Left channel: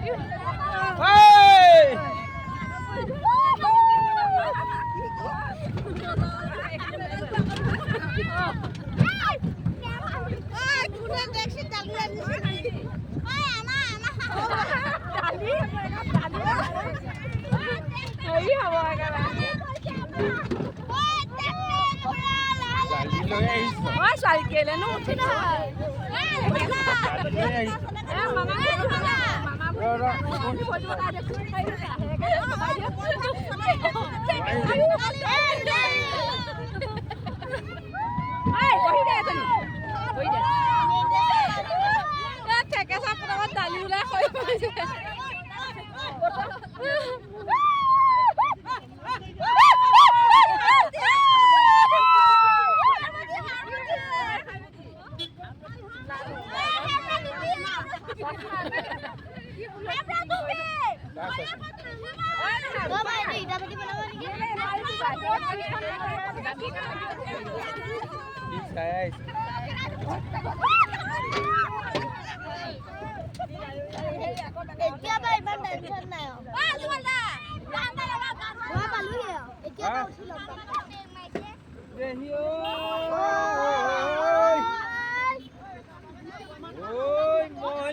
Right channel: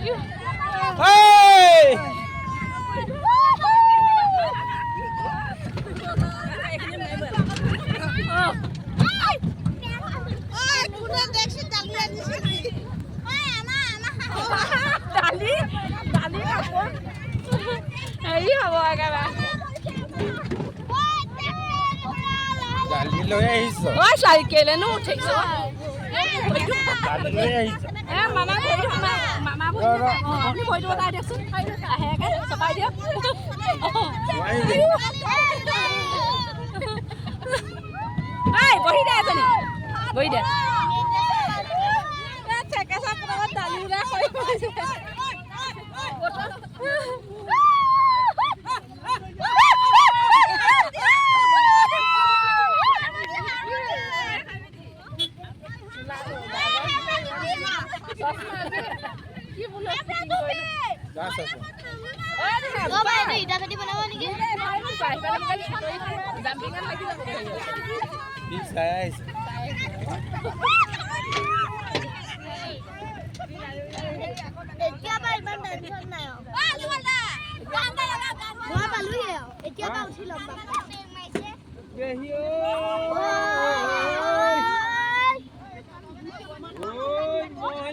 হেৰি হ'ব একেবাৰে লৈ আহিছ ঐ ছোৱালী কেলেনো উঠিছ মামা মামা আপুনি কৈ দিব তাই দেচোন আহেকে চপাই দিয়ক বহি দে এজনী বহি দে ঠেকেচা পটাপট দালি ওলাই হৈ এতিয়া পৰা ইমান টেনচন নাই মই পালোহি এতিয়া পৰা উঠি ল'ম